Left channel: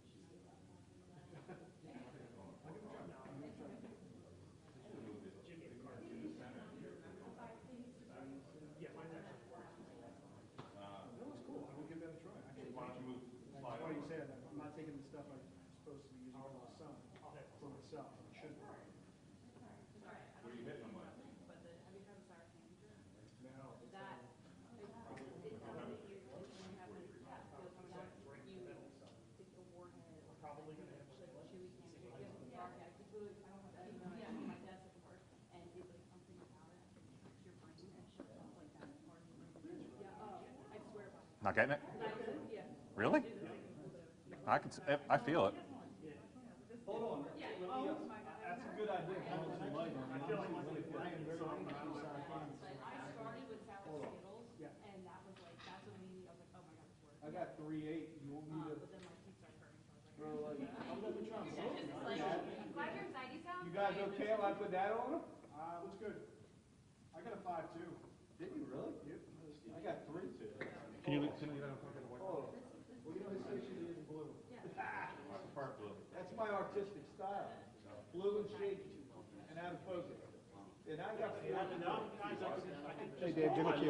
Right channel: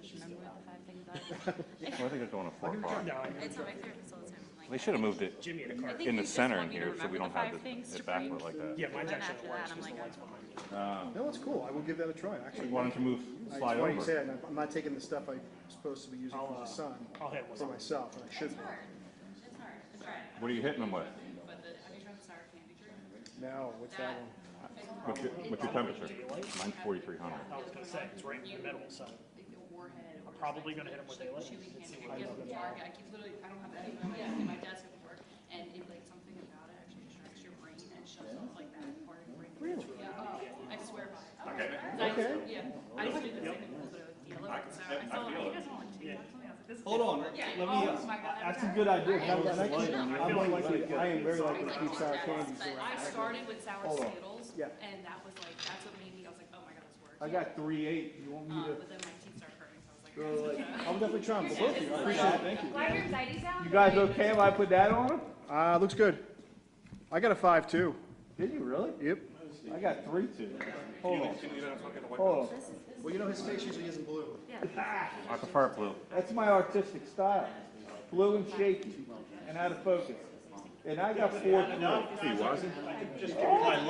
just remember the 5 things I Well, I think it's going to 4 o'clock. It's not my favorite, so it's him. They should have moved it Jimmy in a car. in the center in here so we don't have it backlit like that. Yeah, mine's actually the worst because the light's behind you. No, it's cool. I will give that a try. Actually, Why don't you it's slide funny you over? say that. I'm not taking the stuff I'm supposed to be using for my son I'll hit for one. myself, and I should be. It's hard. It's hard. What are you hitting them with? But have you tried the sour candy drink? No, what's that one? What's your temperature? Mine's 4,300. I was going to say, it's right in the middle, so Warhead. I'm probably going to hit him with daylight. Chewy candy. I keep literally, I don't have any in my desk at work, and it like something about it actually distracts your brain and shuts off like that part of your brain. Really? Yeah. I swear by it. Not getting it? Okay. Yeah. Really? I I feel it. Hold on, let me, that's a good idea. I am very likely to keep sour candy. I started with sour Hold on. Skittles, Yeah. and that was like, that's what made me, I was like, oh my god, this works. I got 3.8. You want me to But then my teeth started hurting, so I was go like, like, I'm definitely trying for both of you. I appreciate it. Thank you. Why are your anxieties down? you guys okay if I put that on? Looks good. I got a 5 too. Did you really? Yep. I got 3 too. Hold on. Hold Hold on. Well, you know his face usually isn't blue. I prefer blue. That's my artistic style. Blue and shaky and out of focus. And I got 4. He wasn't. I'm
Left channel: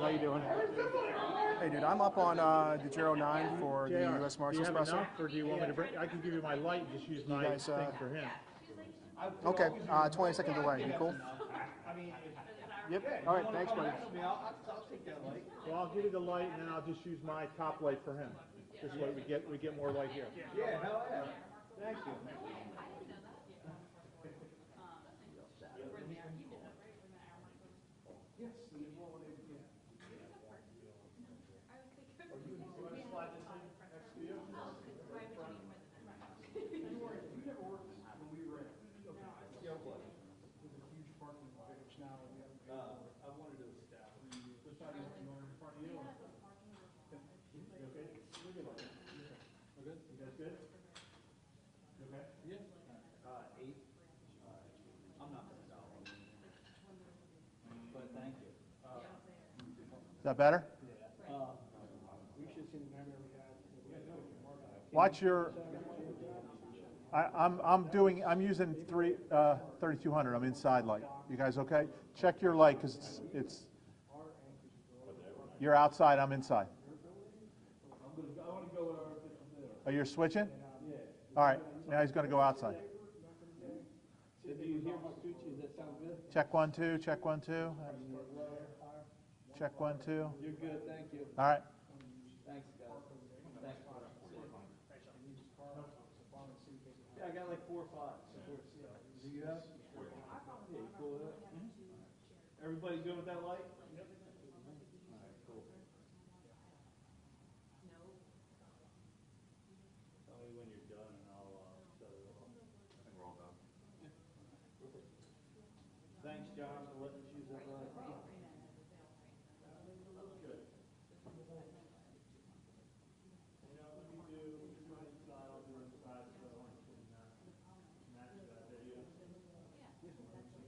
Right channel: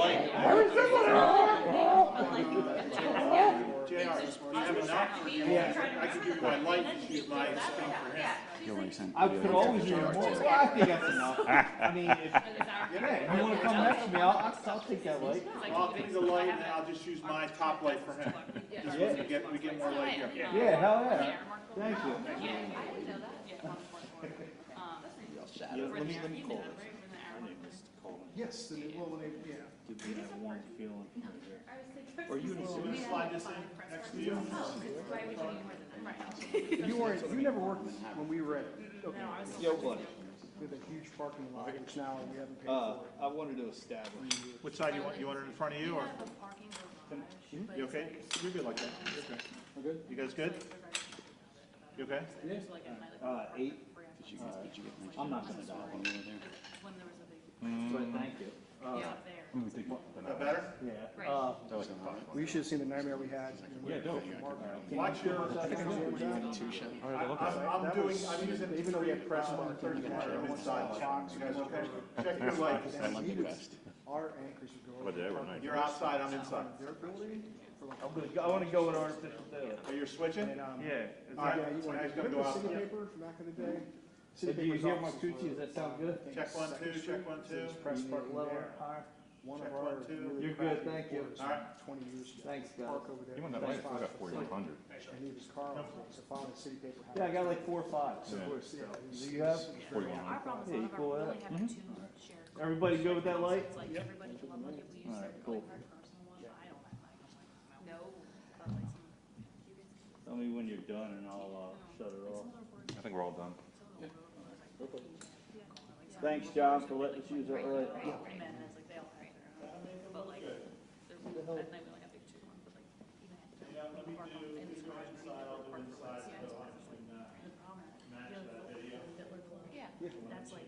up on the Joe 9 for the U.S. Marshals Service. I can give you my light and choose my thing for him. I Okay, could always use more. 22nd I morning. think that's enough. I mean, if I want to come next to me, I'll take that light. Well, I'll take the light and then I'll just use my top light for him. This way we get more light here. Yeah, hell yeah. Thank you. Yes, the new well, yeah. Can we slide this in next to you? You never worked when we were at, okay, Yo, buddy. with a huge parking lot, which now we haven't paid for. I wanted to establish. Which side you want? You want it in front of you or? You okay? You're good like that. You're good. Good? You guys good? You okay? 8. I'm not gonna dial on you there. But thank you. Is that better? Yeah. We should have seen the nightmare we had. Watch your. I'm using 3200. I'm inside light. You guys okay? Check your light. 'Cause Our anchors would go. you're outside. I'm inside. I want to go in artificial daylight. Are you switching? Yeah. All right. So now he's gonna go outside. Paper from back in the day. Did you hear my coochie? Does that sound good? Check 1 2. Check 1 2. Press part level higher. Check 1 2. You're good, thank you. All right. 20 years ago. Thanks, guys. Park over there. You want that light? I got 4,100. And he was car, so following the city paper. Yeah, I got like 4 or 5. So of course, yeah. Do you have? 4,100. Yeah, you cool with that? Everybody good with that light? All right, cool. Tell me when you're done and I'll shut it off. I think we're all done. Thanks, John, for letting us use that light. That's like,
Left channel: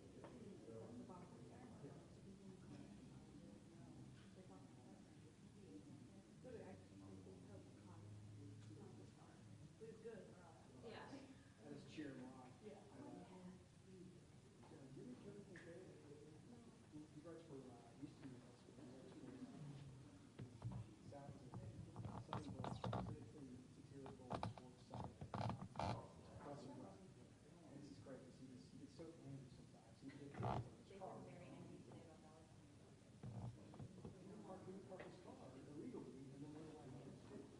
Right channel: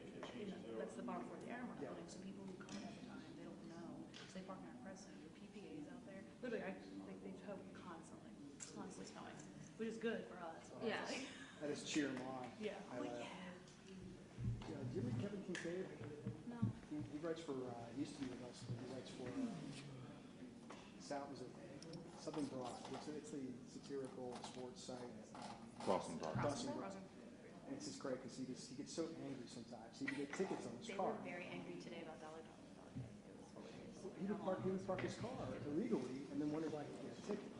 that's the bottom floor of the air building, so people who come all the time, they don't know, because they park in our press center, PPA's out there, literally, I think they tow constantly snowing, which is good for us. Yeah. I just cheer him on. Yeah. Do you read Kevin Kincaid? No. He writes for, he used to be with us, but he writes for, South, is it, something broad, it's the satirical sports site. Dawson Broad. Dawson Broad. And it's just great, because he gets so angry sometimes, he would get tickets on his They car. were very angry today about Dollar He would park his car illegally, and then wonder why he'd get a ticket.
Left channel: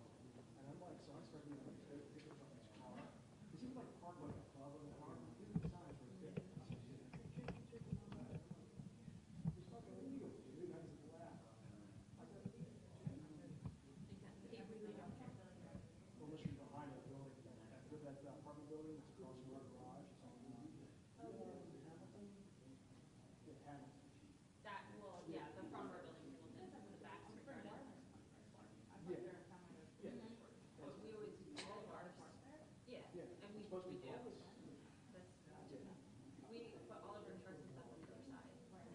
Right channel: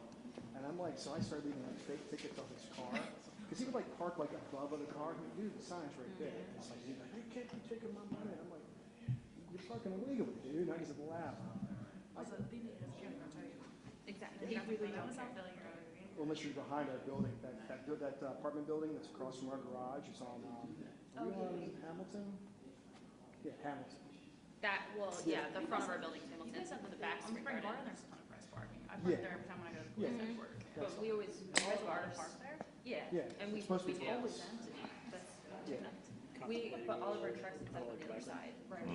And I'm like, so I started leaving like fake tickets off his car, because he would like park like above the car, I'm like, dude, the sign's right there. It's like, he's like, you can't be taking my money. I'm like, you're parking illegally, dude, now he's at the lab. Also, the thing that doesn't care, I'll tell you. Exactly. They really don't care. Unless you're behind that building, that apartment building that's across from our garage, it's on, are you on Hamilton? Yeah, Hamilton. That, well, yeah, the front of our building's Hamilton, but the back's On Spring Spring Garden, Garden. there's a ton of press parking. I park Yeah. there every time when I go to Yeah. police headquarters. But we always, You guys go to park there? yeah, Yeah, and we it's supposed to do. be Always closed. empty. That's Yeah. nice. We put all of our trucks except on the other side. Right.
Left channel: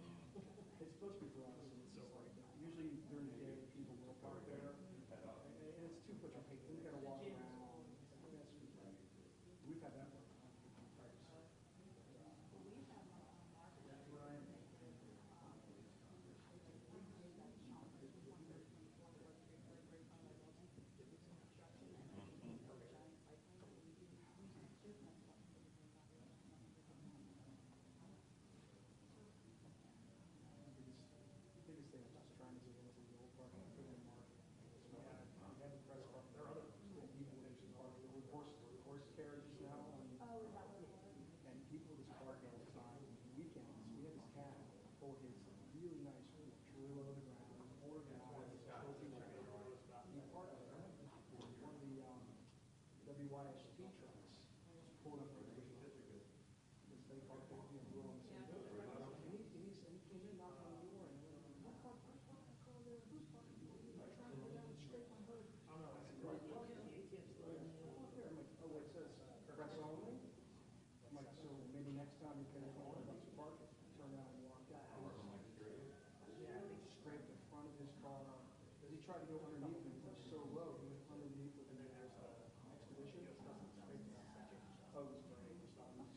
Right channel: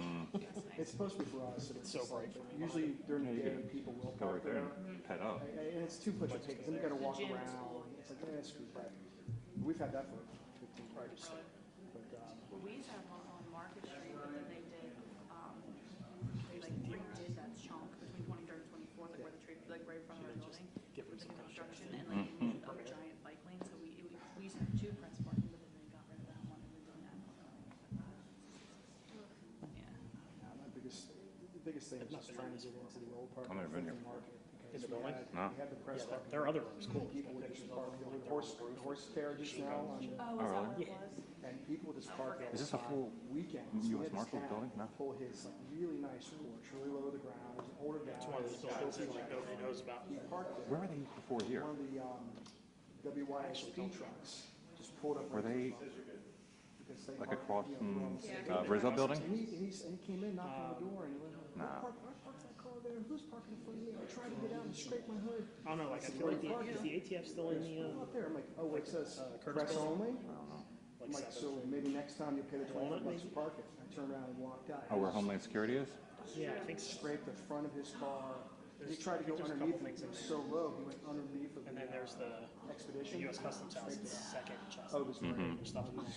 It's supposed to be for us, and it's so bright. usually during the day, people will Go park right there there. and head up. And it's too much to take, then you gotta walk around, it's like yeah, screw that. We've had that for 15 years. But, Well, we used to have one on Market Street, but then they did, they like redid that chunk between 23rd and 24th, like where the tree, like right in front of our building. Give them With the some kind of construction and like they moved a giant bike lane, so we used to have two press parking, but then they got rid of that one and they're doing that one. Yeah. the biggest thing is just trying to get into the old park. I've never been here. Market. In the building? No. We had the press Yeah, parking. there are other rooms, cool. People would just park, there were horse carriages now, Oh, is that really? what it was? and people just park there. Is this a full weekends? U.S. Marshals building? No. Pull his like really nice porch, really low to the ground. It was an older guy. It's one of those buildings that like nobody knows about. He parked there. Where were they before here? One of the WYSP trucks just pulled up. Were they because they like parked, across you from know, wrong side. Rizzo building? And he came in, knocked on the door, and he went, Nah. I parked that car there. Who's parking in front of me? I tried to get out and scrape my hood. I don't know, like I feel like is the ATF still in the, Pull up there. I'm like, oh, it says Curtis press building? only. I'm like, so maybe next time you'll pay the $25 to park it. I turned around and walked out. Oh, where Homeland Security is? yeah, I think so. Scraped the front of his car. He tried to go underneath it. It was so low. He went underneath of And the then there's the expedition. US Customs House, the second chest. Oh, it was great. There's stuff in there.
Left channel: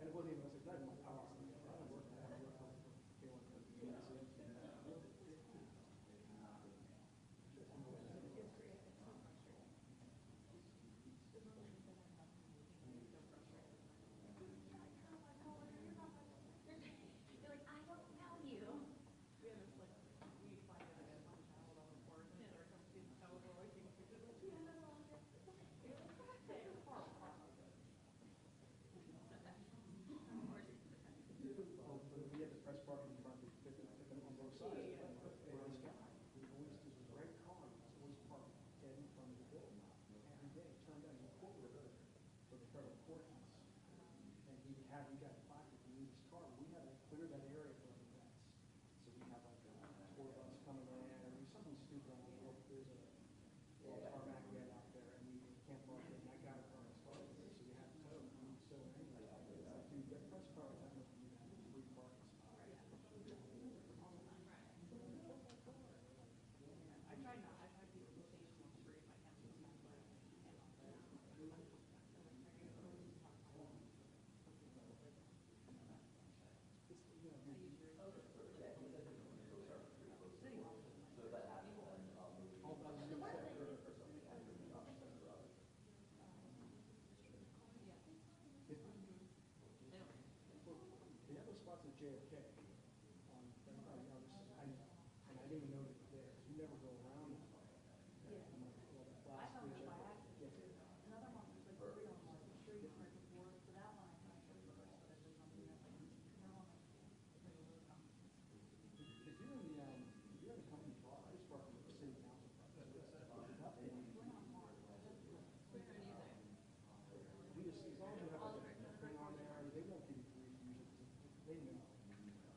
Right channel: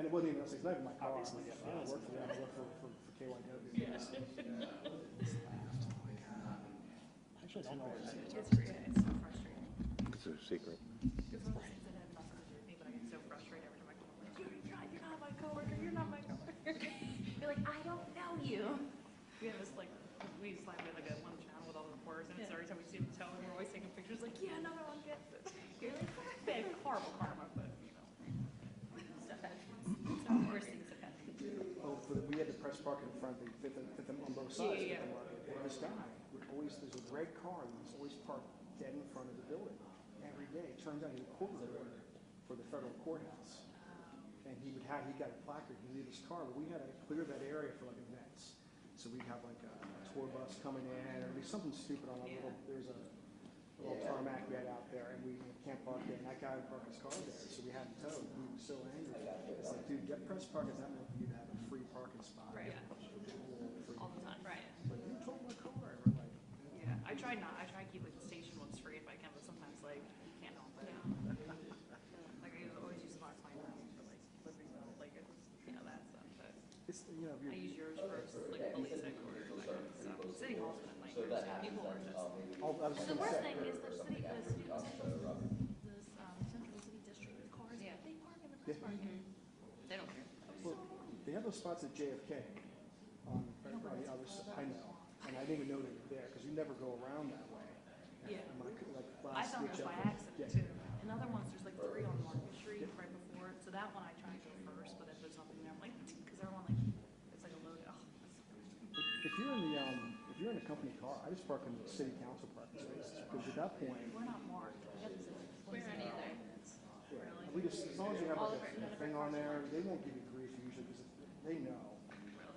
And it wasn't even, I was like, not even my car. Obviously, yeah. I work for them. I work for KYW. Actually, I don't know where it is. It's so frustrating. It's a secret. It's one of those things that have nothing to do with me, but I get so frustrated every time I come over. Like, you're not my coworker. You're not my coworker. You're like, I don't know you. We have this like, we slide with like a one channel with all the reporters, and it's every time we see them tell, we're always taking pictures. Like, yeah, another one gets it. You're like, bad, horrible karma, but you know. Stuff happens. Some worse things have happened. Oh, we had the press park in front, they fit them on both sides. Yeah. Of the market. And this guy would always, there's a red car, and he's always parked dead in front of the building every day. Turns out he was a court reporter for the federal courthouse. And he got a placard to leave his car, but we had to clear that area for like events. So we'd have like a tour bus coming in, or there'd be something stupid on a little, there's a little tarmac we had out there, and we can't park there, and that guy would park his car there, so we had to tow. He was so angry. It's like, dude, get press parking, that meant you'd have a free parking spot. Right. Free. All the time. Right. Like, you told my car. We're like, Yeah. I try to keep like the station ones free if I can, but sometimes like you can't help it. Like I always use Smart Sign for like deliveries, like it's, you know, that stuff. But it's, you know, if I you're, use yours for like police headquarters. So City Hall's been a nightmare. People are just. I was The gonna worst say, thing is the city, Central City District, the cars, Yeah. they park in the press parking. they don't care. well, they have those spots at JFK on the other side, I know, and I didn't even know they were there, because you never go around that way. Yeah. And like I last found week, those by yeah. accident too. And other ones, there's like 3 on Market Street right before it. So that one I try and go first, but if there's nothing there, I'm like, because everyone like, it's like a load. Oh, If you're in a company car, I just park in the city council parking spaces, because at that point, we're not marked. We got this. We're not either. we just, as long as you have like a thing on there, they won't give you grief usually, because they know.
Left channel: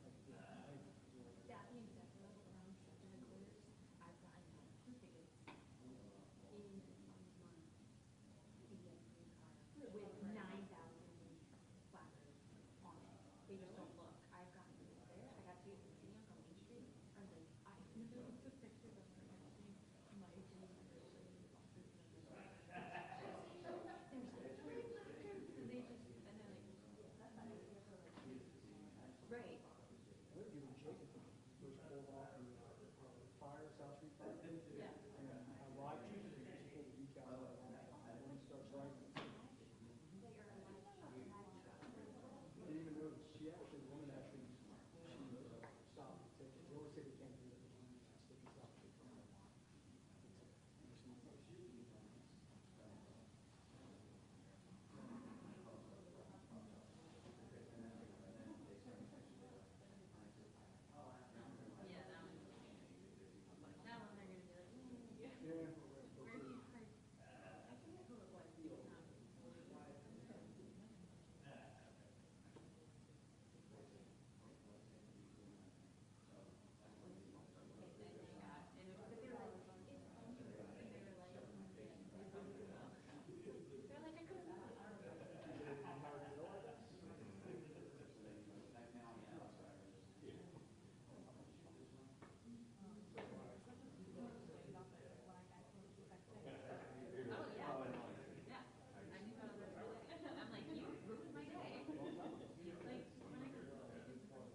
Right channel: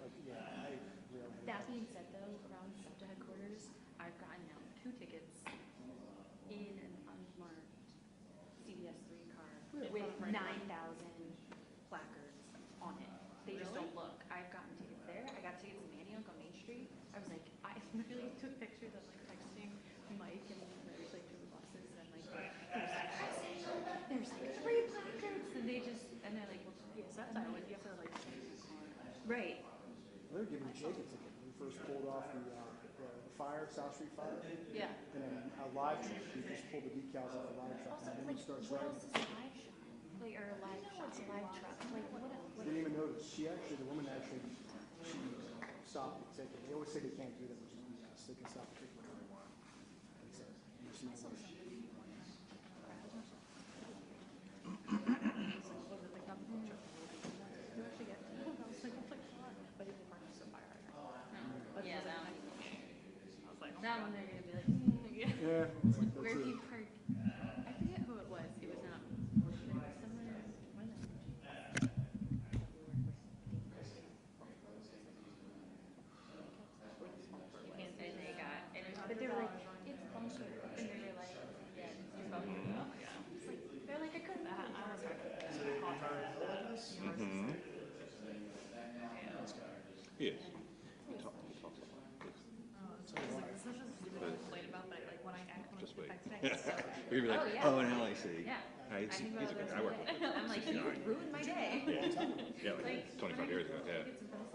Like, yeah, I really. That being said though, around SEPTA headquarters, I've gotten now 2 tickets in an unmarked CVS 3 car with 9,000 placards on it. They just don't look. I've gotten tickets there. I got tickets in Manioc on Main Street. I was like, I literally took pictures of like texting Mike and there's like 2 buses and like there's like 3 placards and they just and they're like, Yes, that's how you have to like. right. They were giving Jake a ticket when we first pulled off the fire, South Street fire. Yeah. And then a live truck, we just pulled the decals out of the live truck, and then he starts What writing. else is a live shop? Like, or a live shop, a live truck? Like, what? Didn't even notice, the woman actually, she stopped the ticket. They always say they can't do that, which is yes, they can stop the ticket whenever they want. It's a machine. Was it the company truck? You actually get. I was like, but if they park so far right now. Yeah, that one. I was like, oh That my one God. they're gonna be like, yeah. Yeah, it's like, Where that's he it. parked. I forget who it was. It was not. It was somewhere. And they got, and but they were like, it's bunker, and they were like, yeah, it's bunker. They're like, I couldn't. I was like, Mm-hmm. Yes. He talks a lot. it's such a stupid complaint about, but like when I act, when Just I'm wait. texting, it's so. You're gonna be like, Oh, yeah. oh, and see. Yeah. He's a good guy. I work with him. I'm like, you ruined my day. Yeah, like 25 years ago, yeah.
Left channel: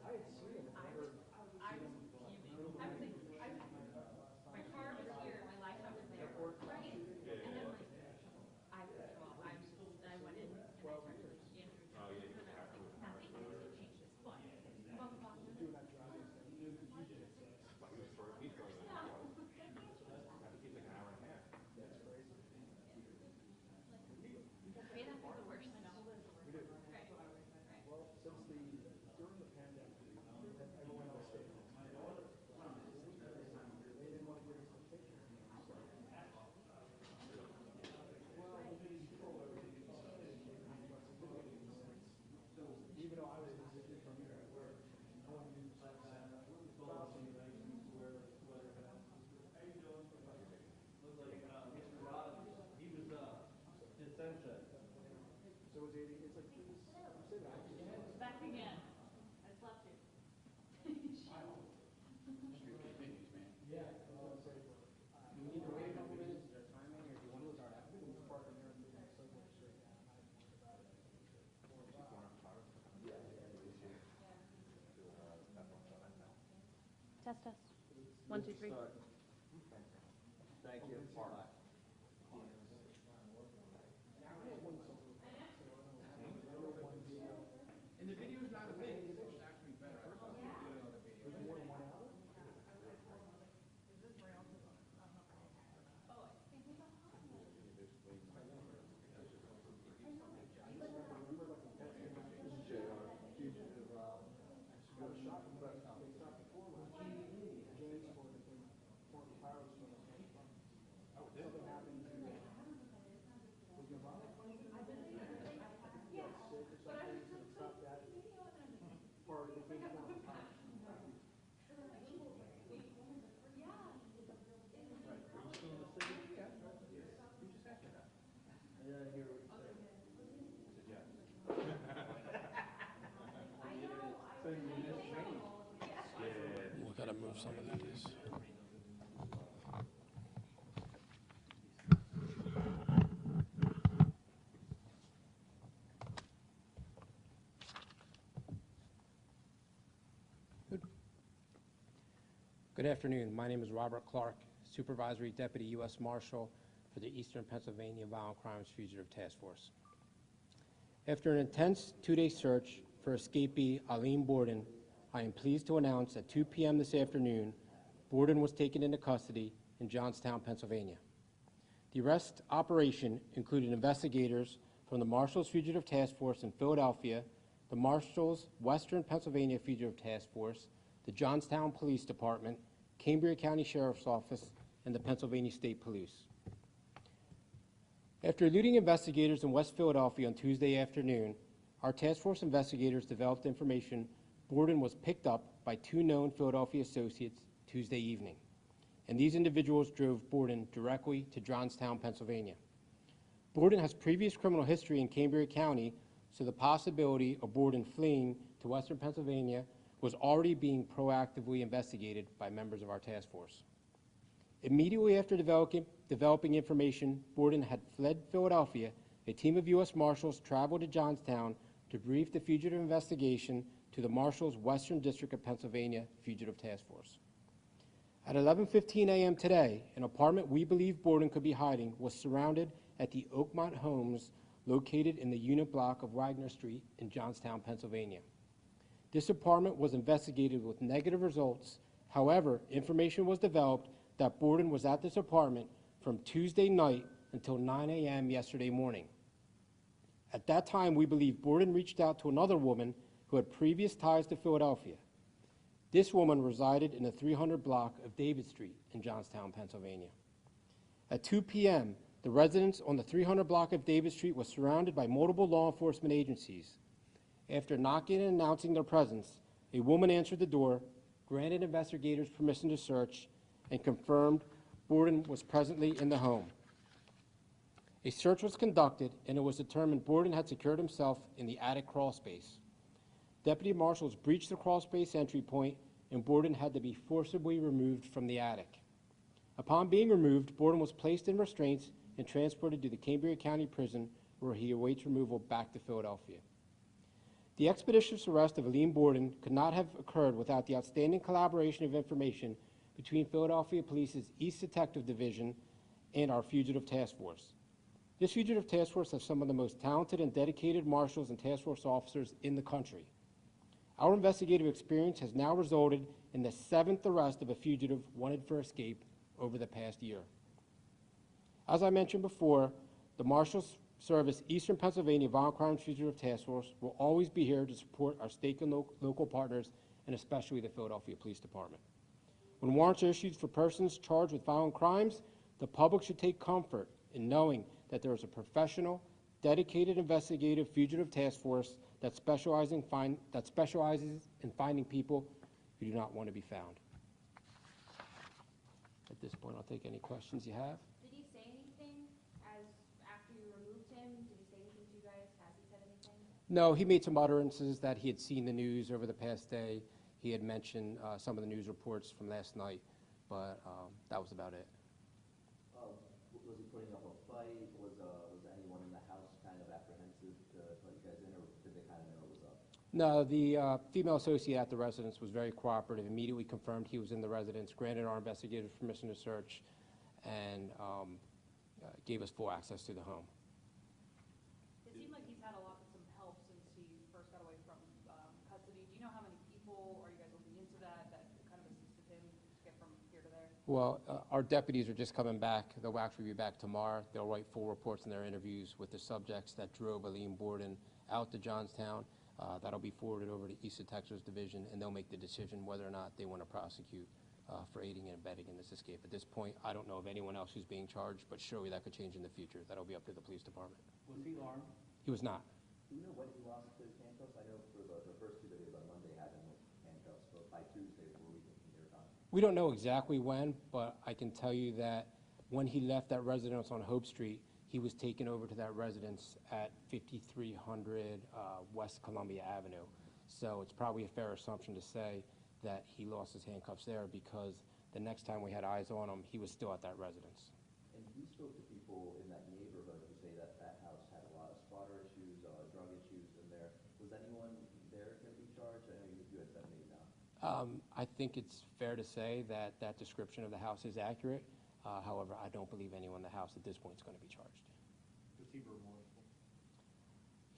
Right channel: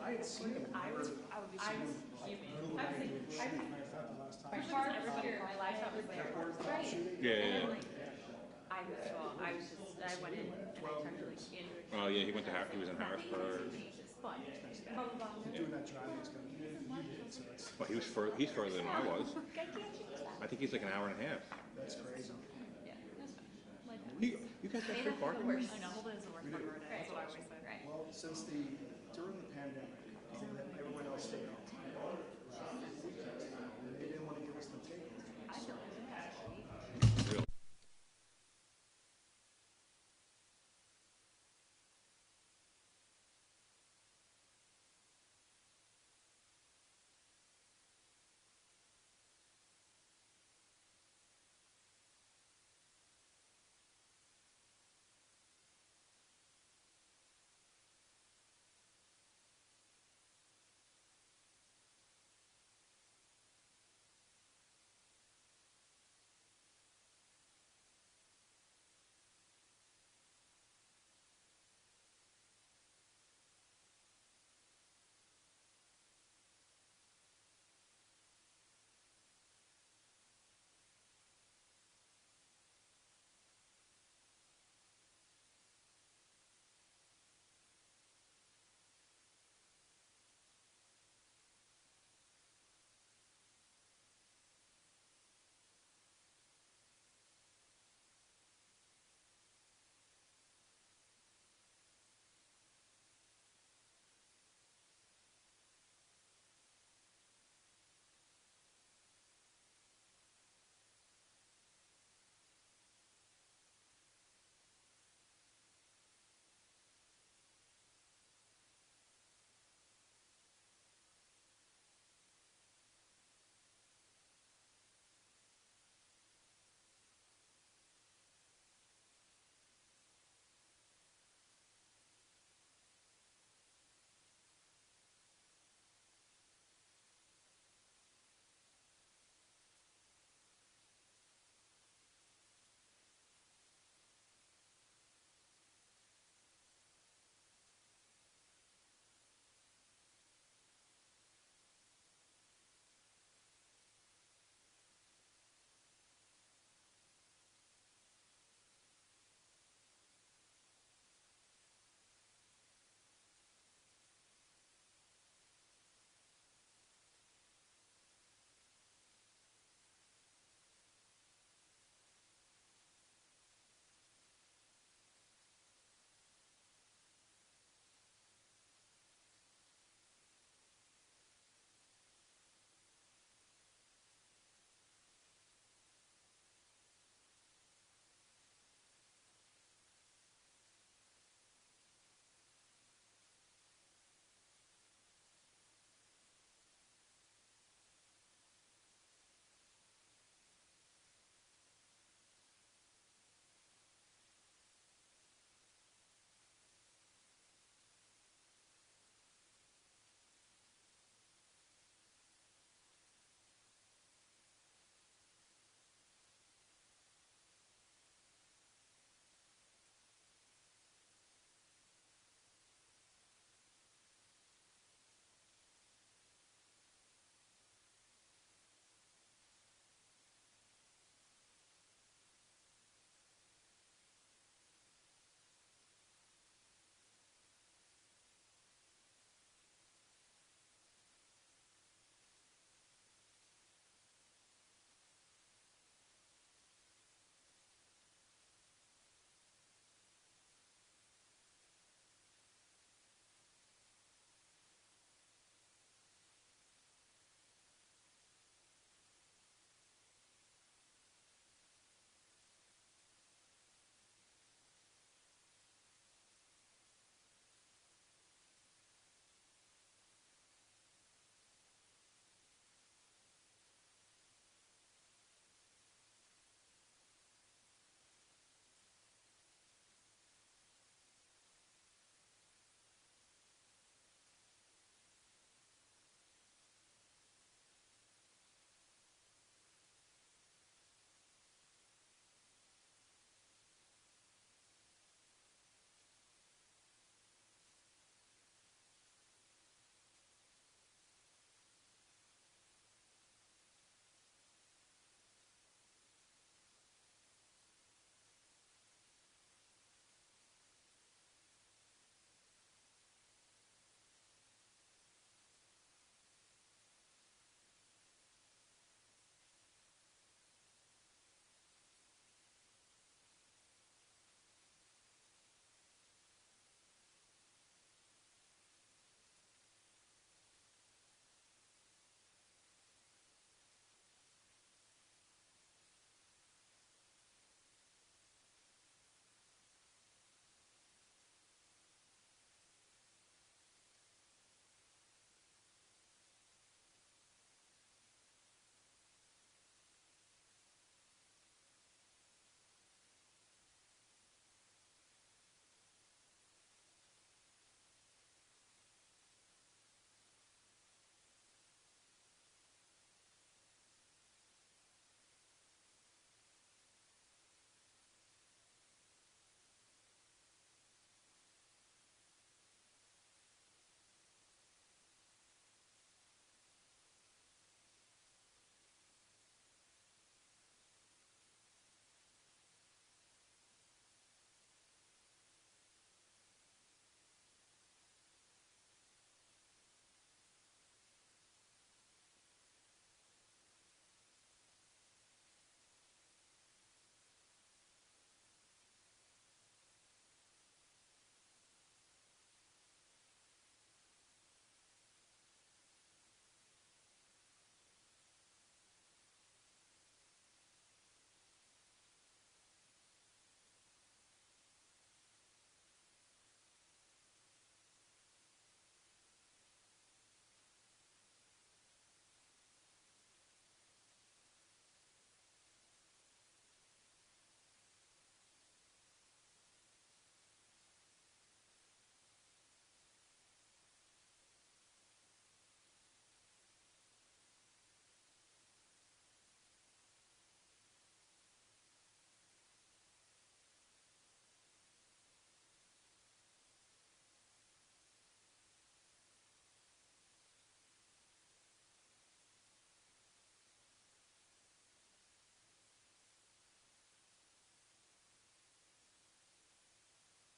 I had seen him. I was fuming. I was my car was here. My laptop was there. Right. Yeah, yeah, And then, like, I went in and I talked to like Andrew. Oh, yeah, he went to he was in Harrisburg. Jesus, but blah blah blah. Doing that driving is gonna be needed, so it's, Well, he's further than I was. I can't change that. I think he's like an hour and a half. that's crazy. Yeah, that's fine. Like that. You guys got They free have the parking? worst. I know, Holden is the worst part of our day. That's what I always say. Right. Well, since during the pandemic, they let everyone else stay out. They didn't want to give us the tickets. I feel like an asshole. Really? Back again. I slept here. Test test. 1, 2, 3. We gotta move some of these. Good afternoon. My name is Robert Clark, Supervisory Deputy U.S. Marshal for the Eastern Pennsylvania Violent Crimes Fugitive Task Force. After an intense two-day search for escapee Alleem Bordan, I am pleased to announce at 2 p.m. this afternoon, Bordan was taken into custody in Johnstown, Pennsylvania. The arrest operation included investigators from the Marshals Fugitive Task Force in Philadelphia, the Marshals Western Pennsylvania Fugitive Task Force, the Johnstown Police Department, Cambria County Sheriff's Office, and the Pennsylvania State Police. After eluding investigators in West Philadelphia on Tuesday afternoon, our task force investigators developed information Bordan was picked up by 2 known Philadelphia associates Tuesday evening, and these individuals drove Bordan directly to Johnstown, Pennsylvania. Bordan has previous criminal history in Cambria County, so the possibility of Bordan fleeing to Western Pennsylvania was already being proactively investigated by members of our task force. Immediately after developing information Bordan had fled Philadelphia, a team of U.S. Marshals traveled to Johnstown to brief the fugitive investigation to the Marshals Western District of Pennsylvania Fugitive Task Force. At 11:15 a.m. today, an apartment we believe Bordan could be hiding was surrounded at the Oakmont Homes located in the unit block of Wagner Street in Johnstown, Pennsylvania. This apartment was investigated with negative results. However, information was developed that Bordan was at this apartment from Tuesday night until 9 a.m. yesterday morning. At that time, we believe Bordan reached out to another woman who had previous ties to Philadelphia. This woman resided in the 300 block of David Street in Johnstown, Pennsylvania. At 2 p.m., the residents on the 300 block of David Street was surrounded by multiple law enforcement agencies. After knocking and announcing their presence, a woman answered the door, granted investigators permission to search, and confirmed Bordan was presently in the home. A search was conducted, and it was determined Bordan had secured himself in the attic crawl space. Deputy marshals breached the crawl space entry point, and Bordan had to be forcibly removed from the attic. Upon being removed, Bordan was placed in restraints and transported to the Cambria County Prison, where he awaits removal back to Philadelphia. The expeditious arrest of Alleem Bordan could not have occurred without the outstanding collaboration of information between Philadelphia Police's East Detective Division and our Fugitive Task Force. This Fugitive Task Force has some of the most talented and dedicated marshals and task force officers in the country. Our investigative experience has now resulted in the 7th arrest of a fugitive wanted for escape over the past year. As I mentioned before, the Marshals Service Eastern Pennsylvania Violent Crimes Fugitive Task Force will always be here to support our state and local partners, and especially the Philadelphia Police Department. When warrants are issued for persons charged with violent crimes, the public should take comfort in knowing that there is a professional, dedicated investigative fugitive task force that specializes in finding people who do not want to be found. At this point, I'll take any questions you have. Did he say anything after you removed him? Did he say anything to you guys? Has he said anything? No, he made some utterances that he had seen the news over the past day. He had mentioned some of the news reports from last night, but that was about it. Was he putting up a fight? Was anyone in the house kind of apprehensive to let you guys in, or did they kind of know it was up? No, the female associate at the residence was very cooperative, immediately confirmed he was in the residence, granted our investigators permission to search, and gave us full access to the home. It seemed like you've had some help since he first got away from custody. Do you know how many people, are you guys looking into that kind of assisted him get from here to there? Well, our deputies are just coming back. They'll actually be back tomorrow. They'll write full reports in their interviews with the subjects that drove Alleem Bordan out to Johnstown. That'll be forwarded over to East Detectives Division, and they'll make the decision whether or not they want to prosecute for aiding and abetting in this escape. At this point, I don't know of anyone else who's being charged, but surely that could change in the future. That'll be up to the police department. Was he armed? He was not. Do you know when he lost his handcuffs? I know for the first 2 videos on Monday had him with handcuffs, so by Tuesday we're leaving from your time. We don't know exactly when, but I can tell you that when he left that residence on Hope Street, he was taken over to that residence at 5300 West Columbia Avenue. So it's probably a fair assumption to say that he lost his handcuffs there, because the next time we had eyes on him, he was still at that residence. And you spoke to people in that neighborhood who say that that house had a lot of spotter issues, drug issues in there. Was anyone there going to be charged? I know you had said maybe not. I think it's fair to say that that description of the house is accurate. However, I don't believe anyone in the house at this point is going to be charged. Was he remorseful?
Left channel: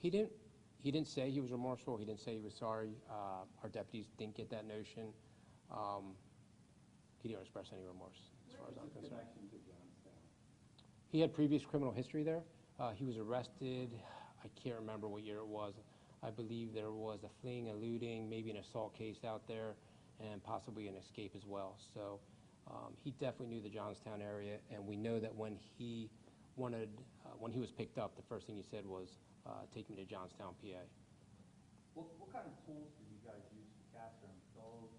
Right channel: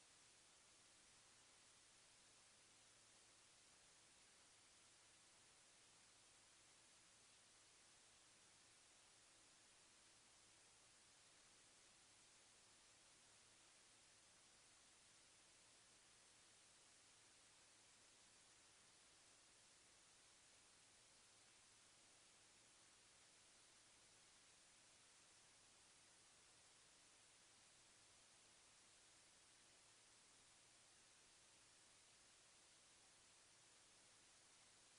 He didn't say he was remorseful. He didn't say he was sorry. Our deputies didn't get that notion. He didn't express any remorse, as far as I'm concerned. He had previous criminal history there. He was arrested. I can't remember what year it was. I believe there was a fleeing, eluding, maybe an assault case out there, and possibly an escape as well. So he definitely knew the Johnstown area, and we know that when he was picked up, the first thing he said was, take me to Johnstown, PA. What kind of tools did you guys use to capture him? Dogs,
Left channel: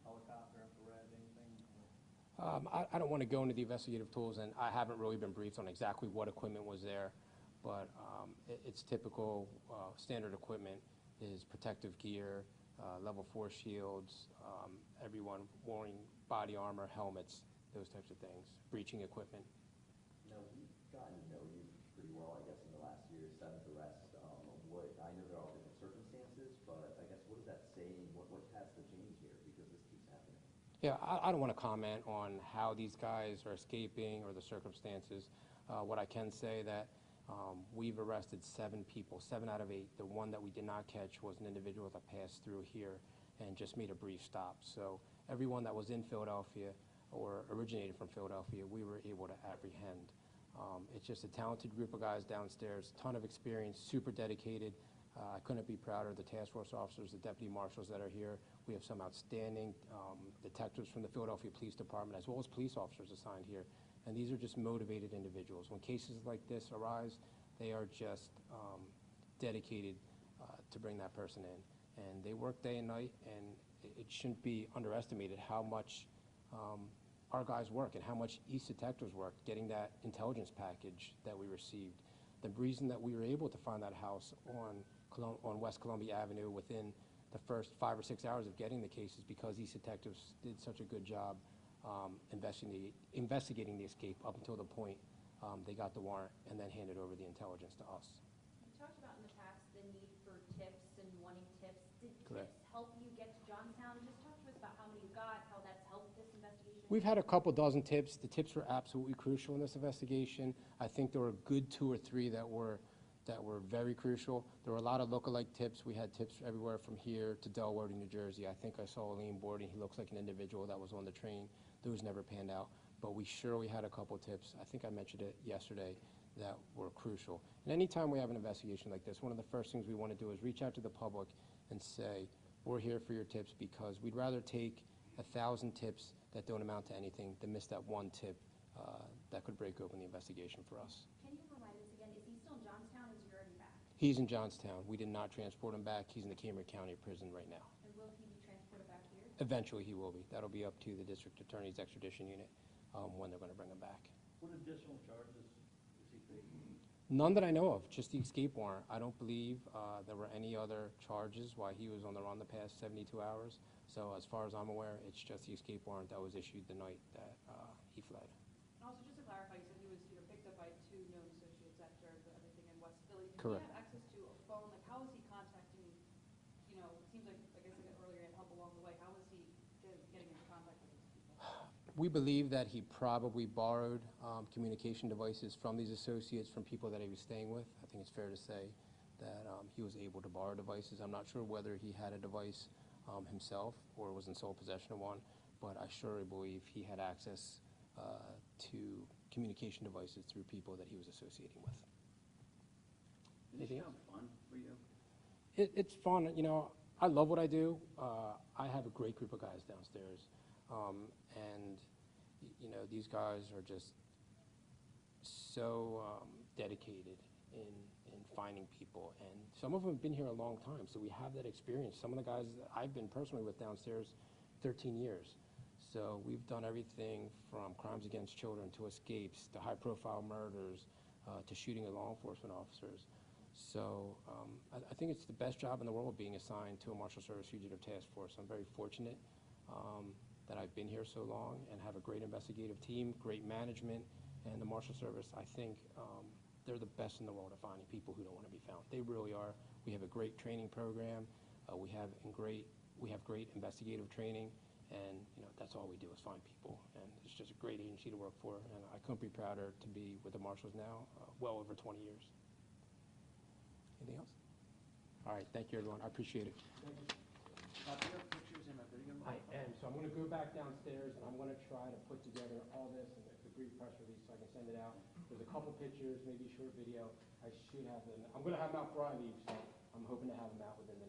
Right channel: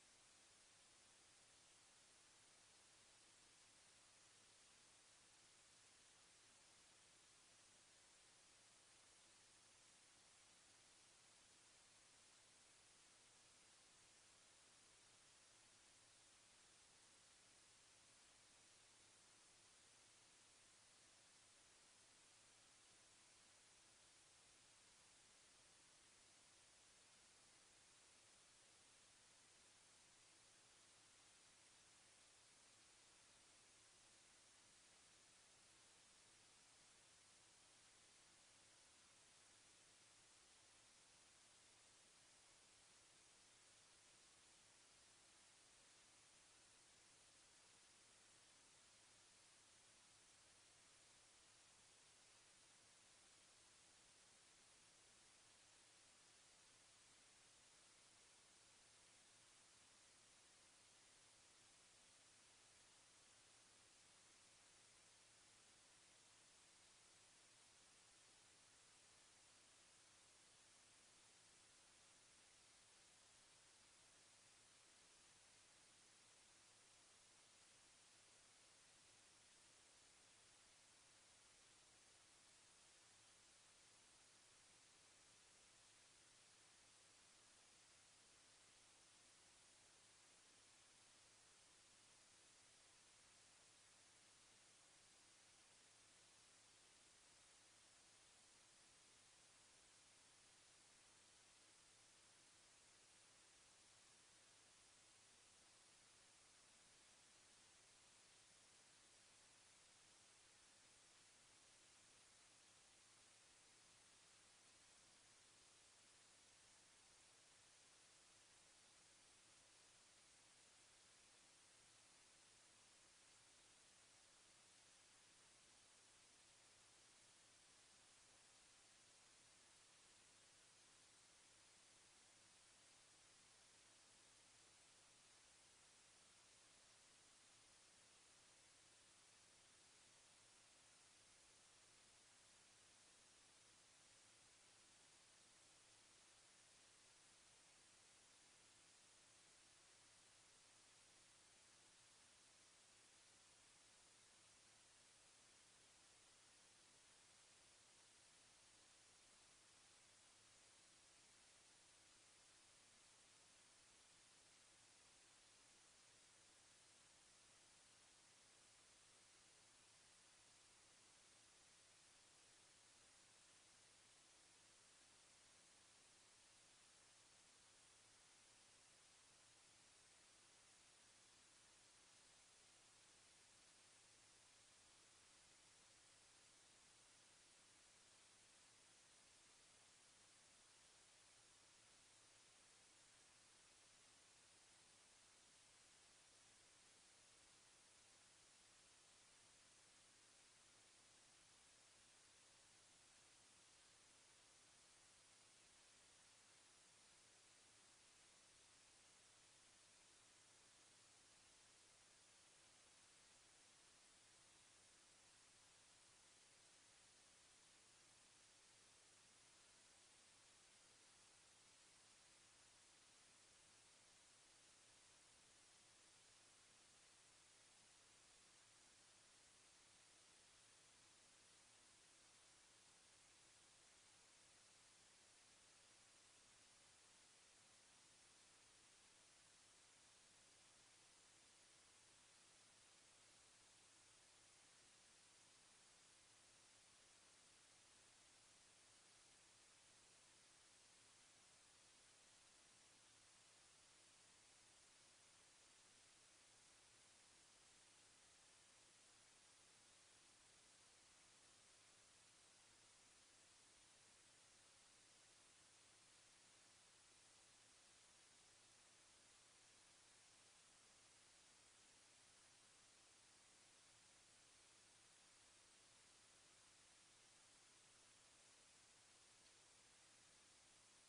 helicopter, infrared, anything? I don't want to go into the investigative tools, and I haven't really been briefed on exactly what equipment was there, but it's typical standard equipment is protective gear, level 4 shields, everyone wearing body armor, helmets, those types of things, breaching equipment. Now, we've gotten to know you pretty well, I guess, in the last year, 7th arrest. I know there are all different circumstances, but I guess what does that say? What has to change here, because this keeps happening? Yeah, I don't want to comment on how these guys are escaping or the circumstances. What I can say that we've arrested 7 people, 7 out of 8. The one that we did not catch was an individual that passed through here and just made a brief stop. So everyone that was in Philadelphia or originated from Philadelphia, we were able to apprehend. It's just a talented group of guys downstairs, ton of experience, super dedicated. I couldn't be prouder of the task force officers, the deputy marshals that are here. We have some outstanding detectives from the Philadelphia Police Department, as well as police officers assigned here. And these are just motivated individuals. When cases like this arise, they are just dedicated to bring that person in. And they work day and night, and it shouldn't be underestimated how much our guys work and how much East Detectives work getting that intelligence package that we received. The reason that we were able to find that house on West Columbia Avenue within the first 5 or 6 hours of getting the case is because East Detectives did such a good job investigating the escape up until the point they got the warrant and then handed over the intelligence to us. You talked about in the past the need for tips and wanting tips. Did Correct. tips help you get to Johnstown? Just talk to us about how many you got, how that's helped this investigation. We've had a couple dozen tips. The tips were absolutely crucial in this investigation. I think there were a good 2 or 3 that were very crucial. There were a lot of lookalike tips. We had tips everywhere from here to Delaware to New Jersey. I think I saw Alleem Bordan. He looks like an individual that was on the train. Those never panned out. But we surely had a couple tips. I think I mentioned it yesterday that were crucial. And anytime we have an investigation like this, one of the first things we want to do is reach out to the public and say, we're here for your tips, because we'd rather take 1,000 tips that don't amount to anything than miss that one tip that could break open the investigation for us. Can you remind us again, is he still in Johnstown or is he already back? He's in Johnstown. We did not transport him back. He's in the Cambridge County Prison right now. And will he be transported back here? Eventually, he will be. That'll be up to the district attorney's extradition unit when they're going to bring him back. What additional charges is he facing? None that I know of, just the escape warrant. I don't believe there were any other charges while he was on the run the past 72 hours. So as far as I'm aware, it's just the escape warrant that was issued the night that he fled. Also, just to clarify, you said he was, picked up by 2 known associates after everything in West Philly. Did Correct. he have access to a phone? Like, how was he contacting, it seems like I said earlier, he had help along the way. How was he getting into contact with these people? We believe that he probably borrowed communication devices from these associates, from people that he was staying with. I think it's fair to say that he was able to borrow devices. I'm not sure whether he had a device himself or was in sole possession of one, but I surely believe he had access to communication devices through people that he was associating with. Anything else? Fun for you? It's fun. I love what I do. I have a great group of guys downstairs. And these guys are just so dedicated in finding people. And some of them have been here a long time, so we have that experience. Some of the guys that I've been personally with downstairs 13 years. So we've done everything from crimes against children to escapes to high-profile murders to shooting at law enforcement officers. So I think it's the best job in the world being assigned to a Marshals Service Fugitive Task Force. I'm very fortunate that I've been here so long and have a great investigative team, great management, and the Marshals Service, I think they're the best in the world at finding people who don't want to be found. They really are. We have a great training program. We have great investigative training, and that's all we do is find people. And it's just a great agency to work for, and I couldn't be prouder to be with the Marshals now, well over 20 years. Anything else? All right, thank you, everyone. I appreciate it. Do you have pictures in a video? I am. So I'm going to go back downstairs, and I'm going to try to put together all this and a brief press release so I can send it out with a couple pictures, maybe a short video. I should have them. I'm going to have them out before I leave, so I'm hoping to have them out within the